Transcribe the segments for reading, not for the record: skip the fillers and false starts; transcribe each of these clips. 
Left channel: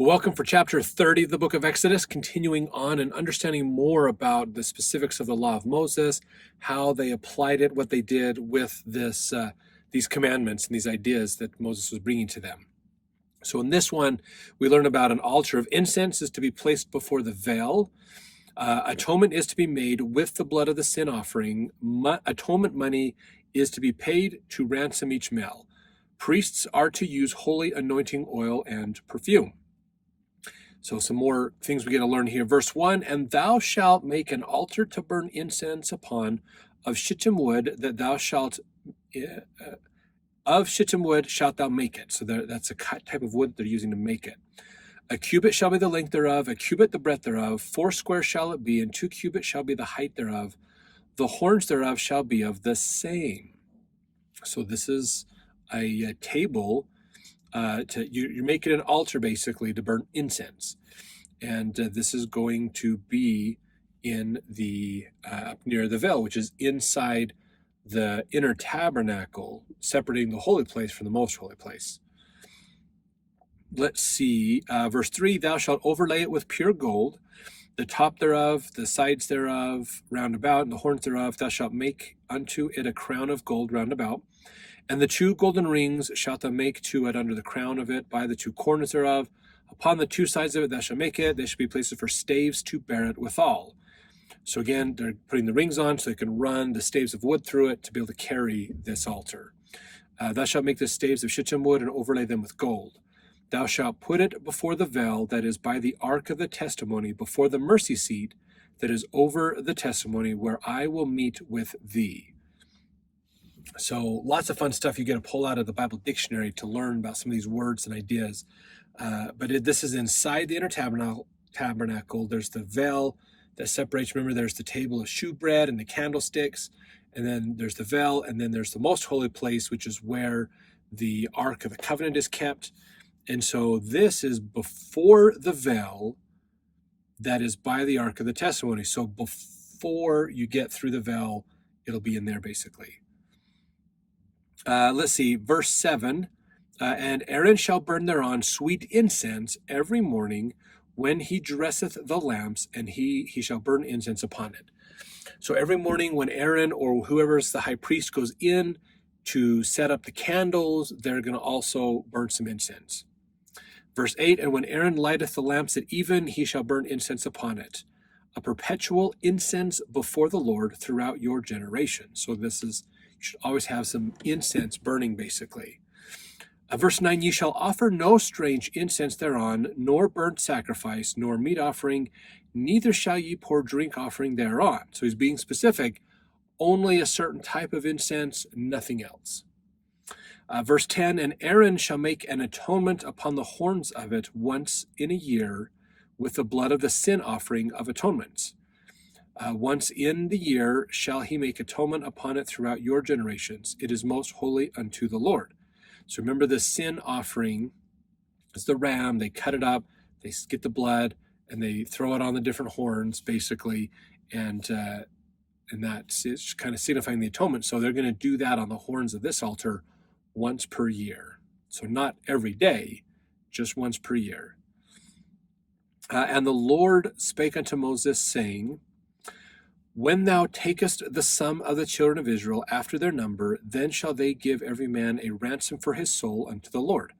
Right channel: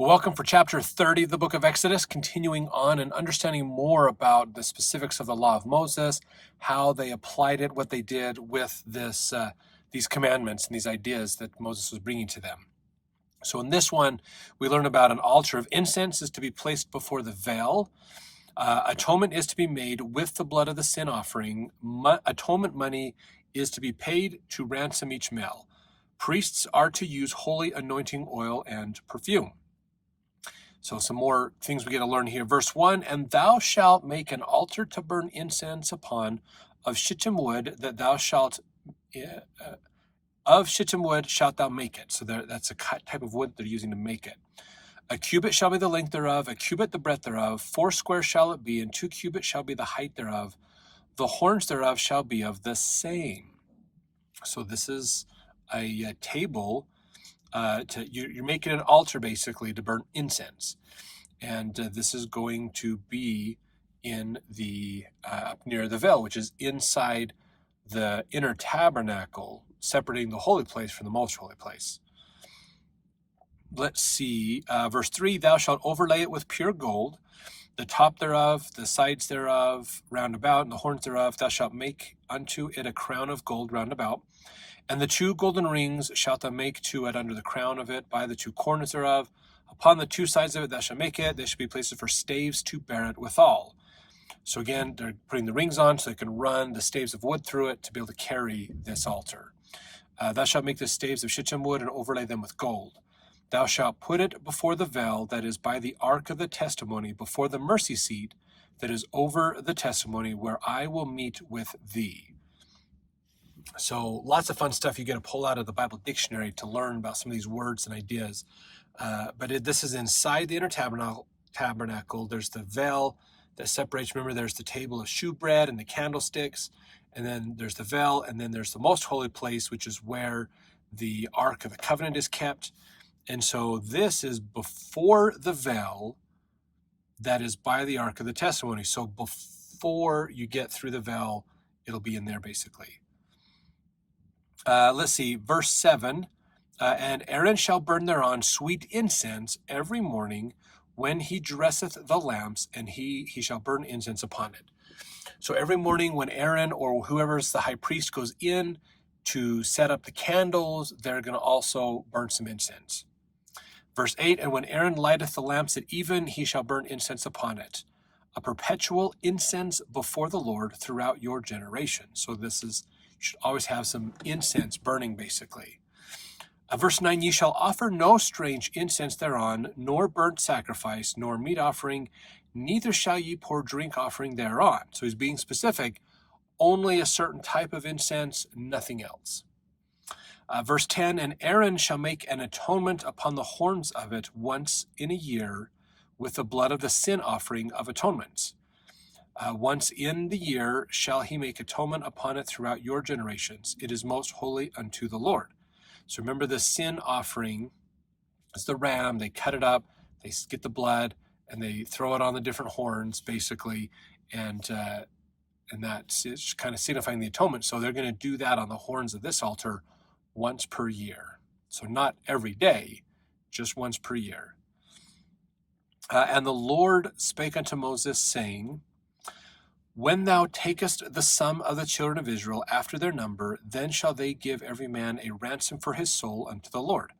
Well, welcome for chapter 30 of the book of Exodus, continuing on and understanding more about the specifics of the law of Moses, how they applied it, what they did with these commandments and these ideas that Moses was bringing to them. So in this one, we learn about an altar of incense is to be placed before the veil. Atonement is to be made with the blood of the sin offering. Atonement money is to be paid to ransom each male. Priests are to use holy anointing oil and perfume. So some more things we get to learn here. Verse 1, and thou shalt make an altar to burn incense upon of shittim wood, that thou shalt, of shittim wood shalt thou make it. So that's a type of wood they're using to make it. A cubit shall be the length thereof, a cubit the breadth thereof, 4 square shall it be, and 2 cubits shall be the height thereof. The horns thereof shall be of the same. So this is a table. You're making an altar basically to burn incense, and this is going to be in the up near the veil, which is inside the inner tabernacle, separating the holy place from the most holy place. Let's see, verse 3, thou shalt overlay it with pure gold, the top thereof, the sides thereof, round about, and the horns thereof. Thou shalt make unto it a crown of gold round about. And the 2 golden rings shalt thou make to it under the crown of it by the 2 corners thereof. Upon the 2 sides of it thou shalt make it. They shall be places for staves to bear it withal. So again, they're putting the rings on so they can run the staves of wood through it to be able to carry this altar. Thou shalt make the staves of shittim wood and overlay them with gold. Thou shalt put it before the veil that is by the ark of the testimony, before the mercy seat that is over the testimony, where I will meet with thee. So lots of fun stuff you get to pull out of the Bible dictionary to learn about some of these words and ideas. This is inside the inner tabernacle. There's the veil that separates. Remember, there's the table of shewbread and the candlesticks, and then there's the veil, and then there's the most holy place, which is where the Ark of the Covenant is kept. And so this is before the veil that is by the Ark of the Testimony. So before you get through the veil, it'll be in there basically. Let's see, verse 7, and Aaron shall burn thereon sweet incense every morning when he dresseth the lamps, and he shall burn incense upon it. So every morning when Aaron or whoever's the high priest goes in to set up the candles, they're going to also burn some incense. Verse 8, and when Aaron lighteth the lamps at even, he shall burn incense upon it, a perpetual incense before the Lord throughout your generation. So this is, you should always have some incense burning, basically. Verse 9, ye shall offer no strange incense thereon, nor burnt sacrifice, nor meat offering, neither shall ye pour drink offering thereon. So he's being specific, only a certain type of incense, nothing else. Verse 10, and Aaron shall make an atonement upon the horns of it once in a year with the blood of the sin offering of atonements. Once in the year shall he make atonement upon it throughout your generations. It is most holy unto the Lord. So remember, the sin offering is the ram. They cut it up, they get the blood, and they throw it on the different horns, basically, and that's kind of signifying the atonement. So they're going to do that on the horns of this altar once per year. So not every day, just once per year. And the Lord spake unto Moses, saying, when thou takest the sum of the children of Israel after their number, then shall they give every man a ransom for his soul unto the Lord.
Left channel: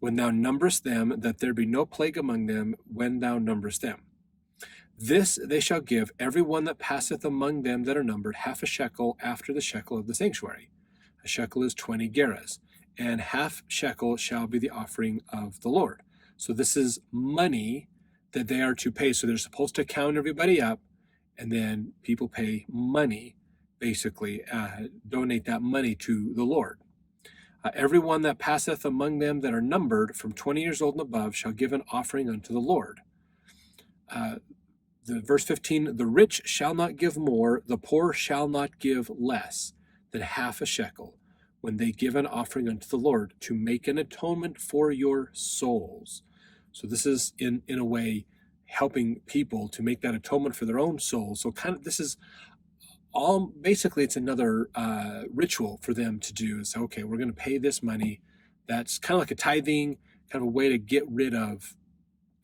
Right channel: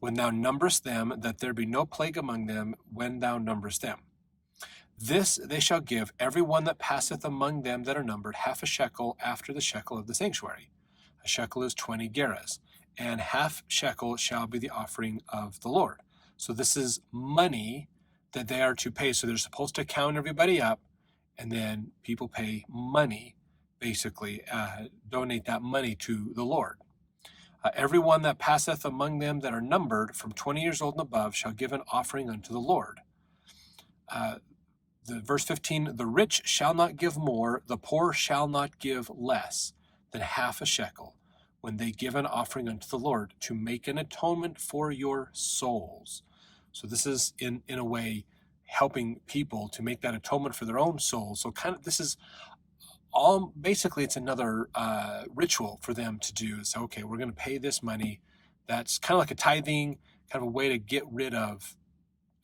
When thou numberest them, that there be no plague among them, when thou numberest them. This they shall give every one that passeth among them that are numbered half a shekel after the shekel of the sanctuary. A shekel is 20 gerahs, and half shekel shall be the offering of the Lord. So this is money that they are to pay. So they're supposed to count everybody up, and then people pay money, basically, donate that money to the Lord. Everyone that passeth among them that are numbered from 20 years old and above shall give an offering unto the Lord. Verse 15, the rich shall not give more, the poor shall not give less than half a shekel when they give an offering unto the Lord to make an atonement for your souls. So this is, in a way, helping people to make that atonement for their own souls. So this is all, basically it's another ritual for them to do. So, okay, we're going to pay this money. That's kind of like a tithing, kind of a way to get rid of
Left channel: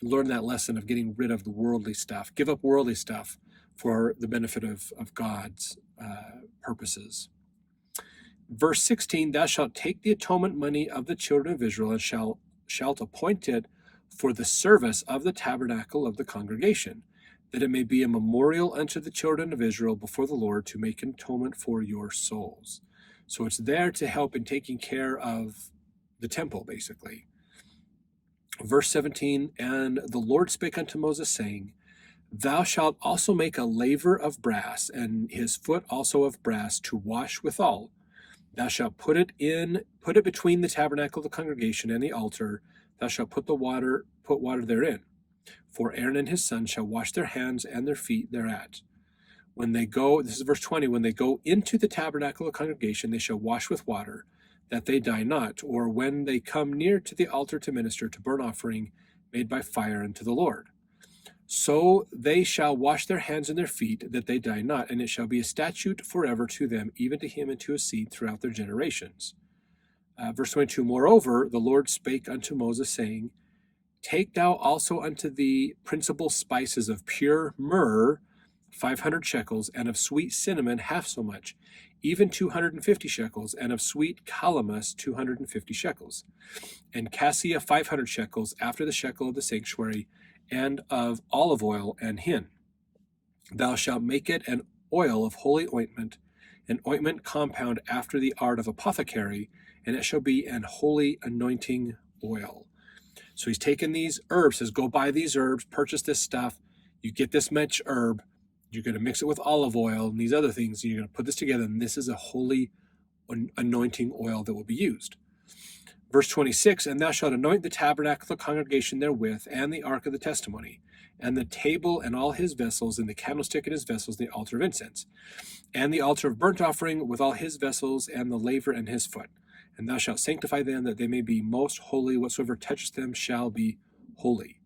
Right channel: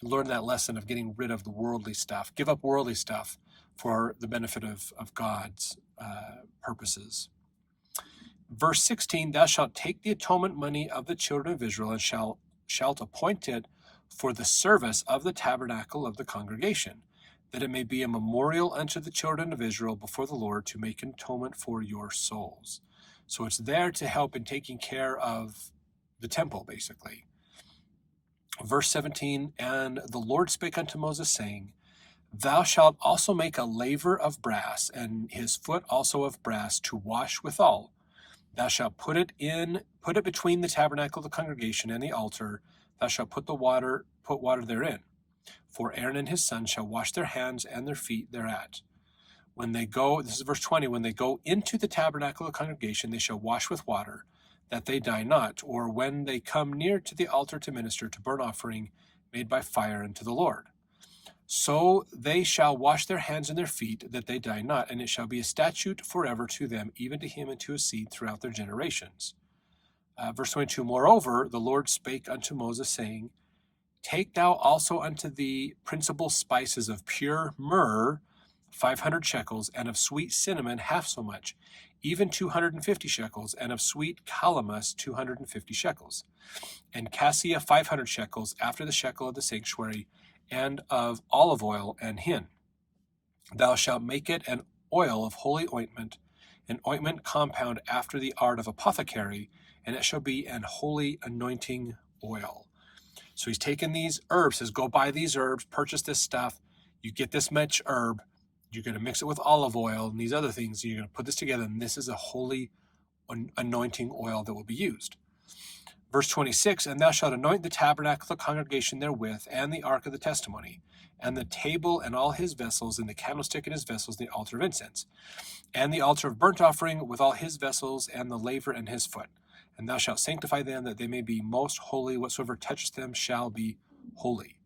learn that lesson of getting rid of the worldly stuff. Give up worldly stuff for the benefit of God's purposes. Verse 16, thou shalt take the atonement money of the children of Israel and shalt appoint it for the service of the tabernacle of the congregation, that it may be a memorial unto the children of Israel before the Lord to make atonement for your souls. So it's there to help in taking care of the temple, basically. Verse 17, and the Lord spake unto Moses, saying, thou shalt also make a laver of brass, and his foot also of brass, to wash withal. Thou shalt put it between the tabernacle of the congregation and the altar. Thou shalt put water therein. For Aaron and his sons shall wash their hands and their feet thereat. When they go, this is verse 20, when they go into the tabernacle of the congregation, they shall wash with water, that they die not, or when they come near to the altar to minister to burnt offering made by fire unto the Lord. So they shall wash their hands and their feet, that they die not, and it shall be a statute forever to them, even to him and to his seed throughout their generations. Verse 22, moreover, the Lord spake unto Moses, saying, take thou also unto the principal spices of pure myrrh 500 shekels, and of sweet cinnamon half so much, even 250 shekels, and of sweet calamus 250 shekels, and cassia 500 shekels, after the shekel of the sanctuary, and of olive oil and hin. Thou shalt make it an oil of holy ointment, an ointment compound after the art of apothecary, and it shall be an holy anointing oil. So he's taken these herbs, says, go buy these herbs, purchase this stuff. You get this much herb, you're going to mix it with olive oil and these other things. You're going to put this together, and this is a holy anointing oil that will be used. Verse 26, and thou shalt anoint the tabernacle of the congregation therewith, and the ark of the testimony, and the table and all his vessels, and the candlestick and his vessels, and the altar of incense, and the altar of burnt offering with all his vessels, and the laver and his foot. And thou shalt sanctify them, that they may be most holy. Whatsoever touches them shall be holy.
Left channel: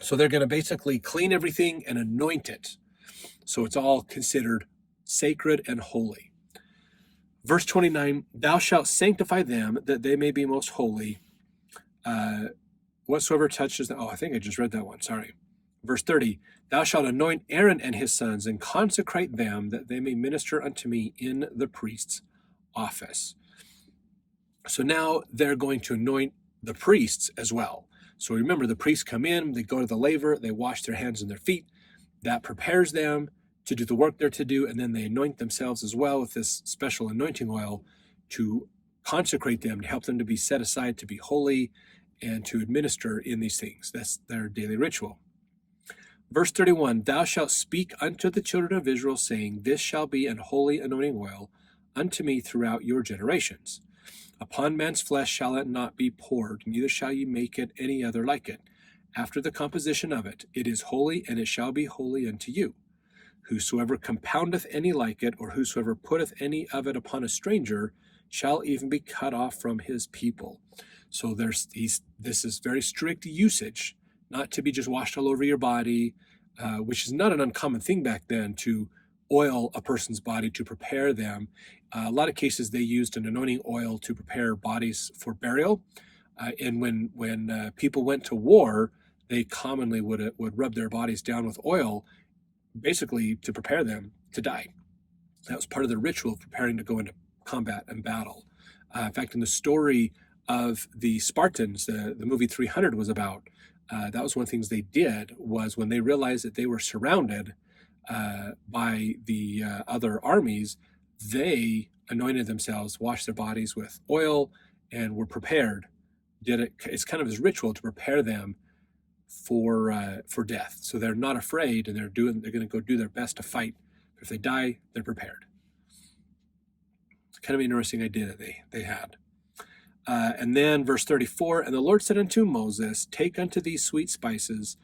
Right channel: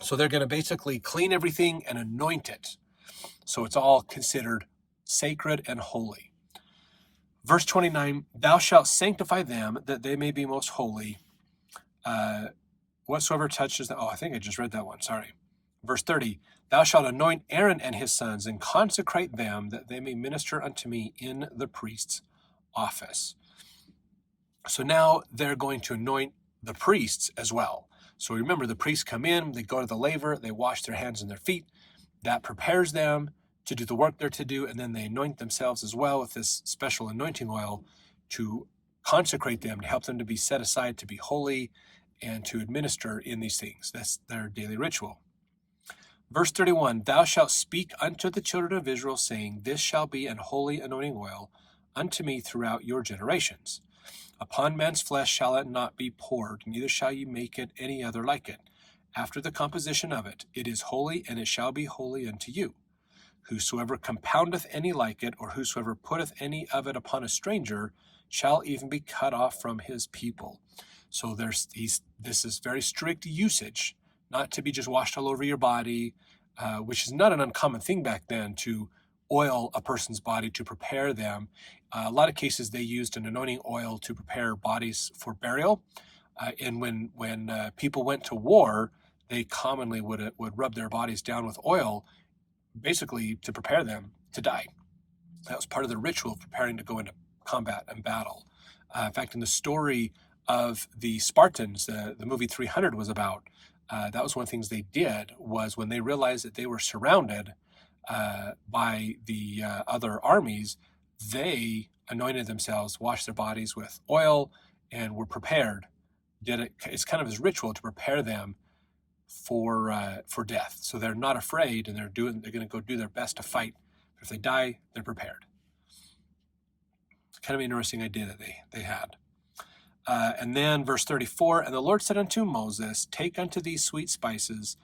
So they're going to basically clean everything and anoint it. So it's all considered sacred and holy. Verse 29, thou shalt sanctify them, that they may be most holy. Whatsoever touches them. Oh, I think I just read that one. Sorry. Verse 30, thou shalt anoint Aaron and his sons, and consecrate them, that they may minister unto me in the priest's office. So now they're going to anoint the priests as well. So remember, the priests come in, they go to the laver, they wash their hands and their feet. That prepares them to do the work they're to do, and then they anoint themselves as well with this special anointing oil to consecrate them, to help them to be set aside, to be holy, and to administer in these things. That's their daily ritual. Verse 31, thou shalt speak unto the children of Israel, saying, this shall be an holy anointing oil unto me throughout your generations. Upon man's flesh shall it not be poured, neither shall ye make it any other like it. After the composition of it, it is holy, and it shall be holy unto you. Whosoever compoundeth any like it, or whosoever putteth any of it upon a stranger, shall even be cut off from his people. So this is very strict usage, not to be just washed all over your body, which is not an uncommon thing back then, to oil a person's body to prepare them. A lot of cases they used an anointing oil to prepare bodies for burial. And when people went to war, they commonly would rub their bodies down with oil, basically to prepare them to die. That was part of the ritual of preparing to go into combat and battle. In fact, in the story of the Spartans, the movie 300 was about, that was one of the things they did, was when they realized that they were surrounded by the other armies, they anointed themselves, washed their bodies with oil, and were prepared. It's kind of this ritual to prepare them for death. So they're not afraid, and they're going to go do their best to fight. But if they die, they're prepared. It's kind of an interesting idea that they had. And then verse 34, and the Lord said unto Moses, take unto these sweet spices,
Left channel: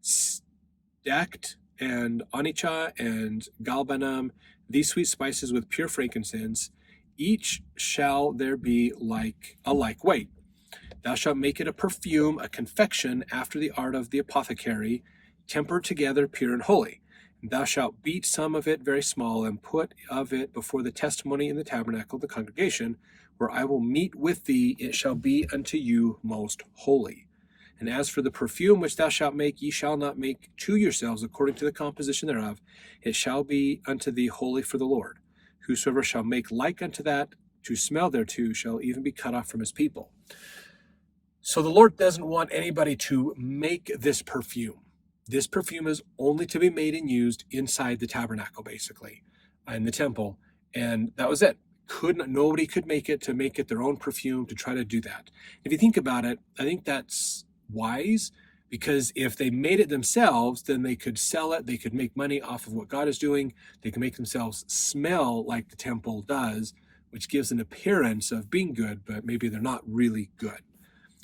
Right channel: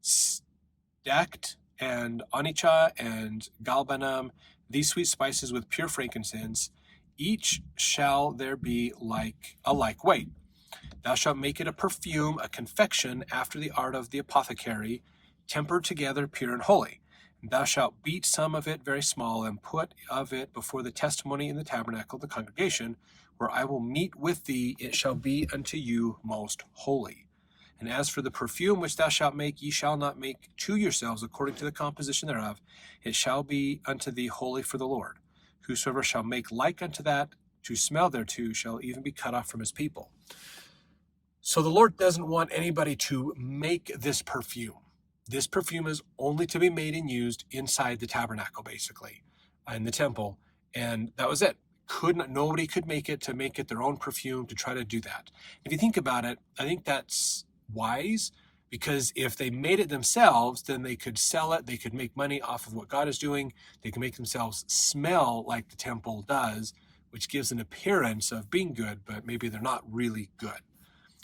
stacked and onycha and galbanum, these sweet spices with pure frankincense, each shall there be a like weight. Thou shalt make it a perfume, a confection after the art of the apothecary, tempered together, pure and holy. And thou shalt beat some of it very small, and put of it before the testimony in the tabernacle of the congregation, where I will meet with thee. It shall be unto you most holy. And as for the perfume which thou shalt make, ye shall not make to yourselves according to the composition thereof. It shall be unto thee holy for the Lord. Whosoever shall make like unto that to smell thereto shall even be cut off from his people. So the Lord doesn't want anybody to make this perfume. This perfume is only to be made and used inside the tabernacle, basically, in the temple. And that was it. Nobody could make it their own perfume, to try to do that. If you think about it, I think that's wise, because if they made it themselves, then they could sell it. They could make money off of what God is doing. They can make themselves smell like the temple does, which gives an appearance of being good, but maybe they're not really good.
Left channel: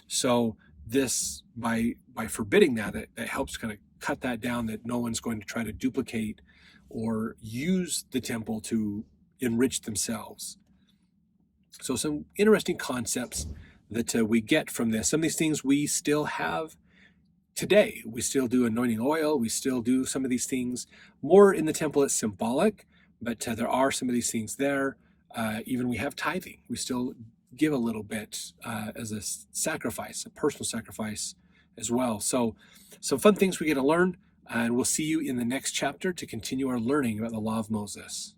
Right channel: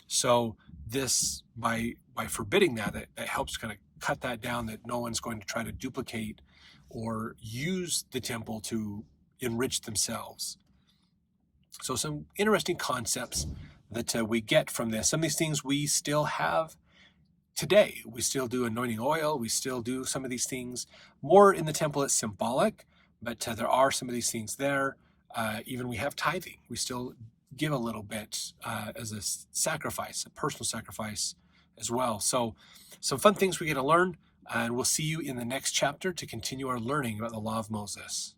So this, by forbidding that, it helps kind of cut that down, that no one's going to try to duplicate or use the temple to enrich themselves. So some interesting concepts that we get from this. Some of these things we still have today. We still do anointing oil. We still do some of these things. More in the temple, it's symbolic, but there are some of these things there. Even we have tithing. We still give a little bit as a sacrifice, a personal sacrifice as well. So some fun things we get to learn, and we'll see you in the next chapter to continue our learning about the law of Moses.